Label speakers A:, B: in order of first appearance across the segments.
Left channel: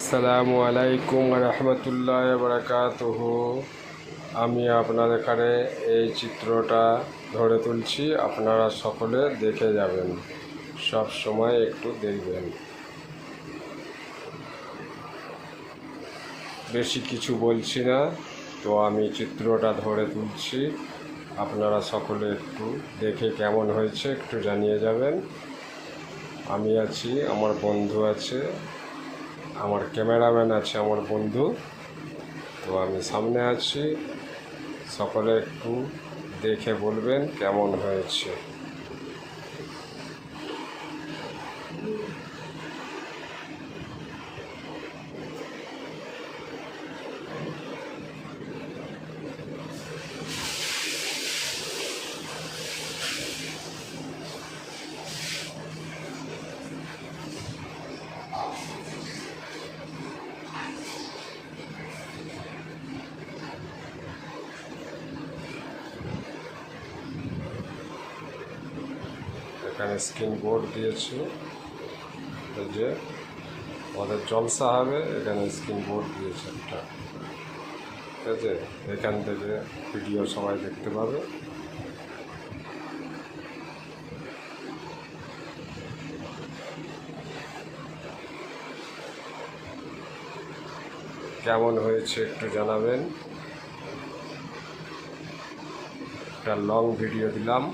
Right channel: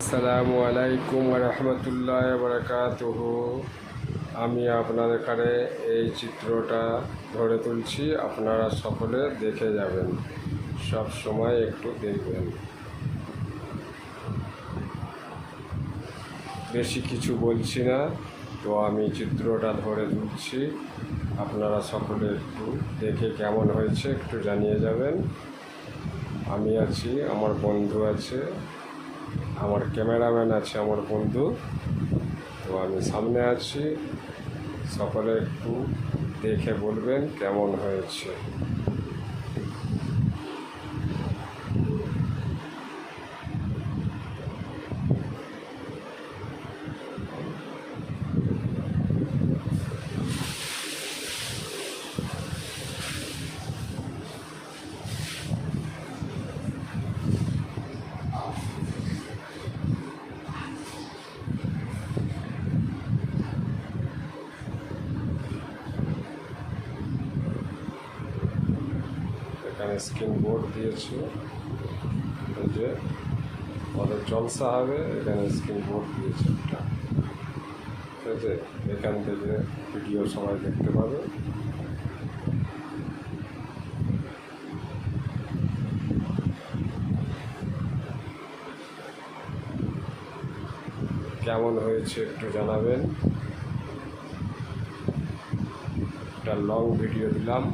A: আসসালামু আলাইকুম রহমতুল্লাহ বারাকাতুহ। আমি আপনাদের এখানে এই চিত্রটা ধরে তুলছি, আপনারা সকলে দেখে যাবেন। সব সময় একটু দেখবেন। বেশি কিছু বলছি না, তো আমি চিত্রটা ধরে তুলছি। আপনারা সকলে একটু দেখে কেমন হয়েছে একটু জানিয়ে যাবেন। আমি আছি, আমার বন্ধু আছে। আমার ক্যামেরাম্যান আছে আমার বন্ধু। তো আমি সামনে আছি। সকলে একটু দেখে বলবেন কেমন হয়েছে। এখানে স্ক্রিন বোর্ড দিয়েছে। এই যে আমাদের জলসা হবে, এখানে স্ক্রিন বোর্ড দিয়েছে একটা। ঠিক আছে এখান থেকে ভিডিও সবাই দেখতে পাবে। কেমন হয়েছে একটু জানাবেন। একটা লং ভিডিও দিলাম।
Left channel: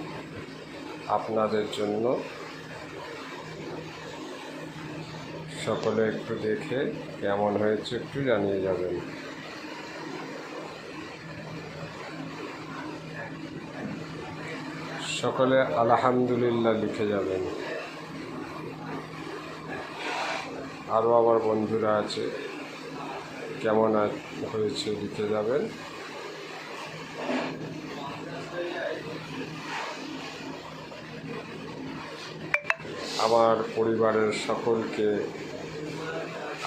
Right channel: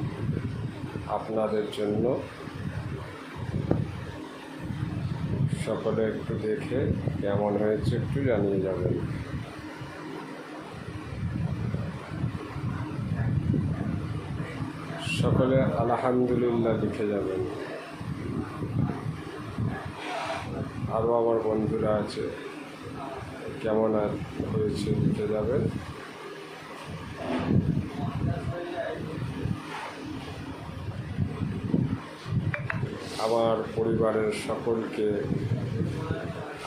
A: আপনাদের জন্য সকলে একটু দেখে কেমন হয়েছে একটু জানিয়ে যাবেন। সকলে আলহামদুলিল্লাহ লিখে যাবেন। আরও আমার বন্ধুরা আছে, কেমন আর হয়েছে লিখে যাবেন। আমার পরিবারের সকলকে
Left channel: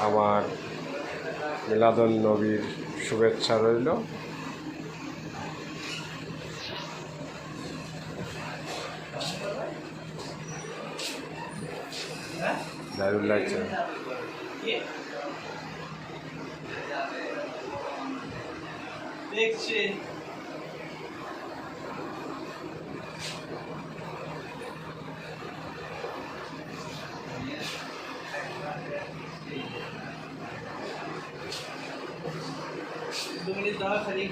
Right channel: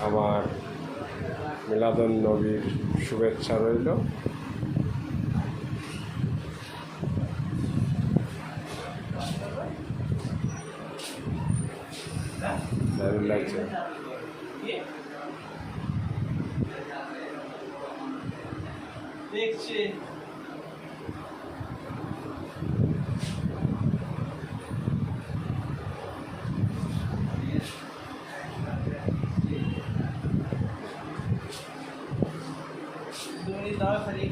A: আমার মিলাদন নবীর শুভেচ্ছা রইল।
B: দেখছি। दूनी दाल खरी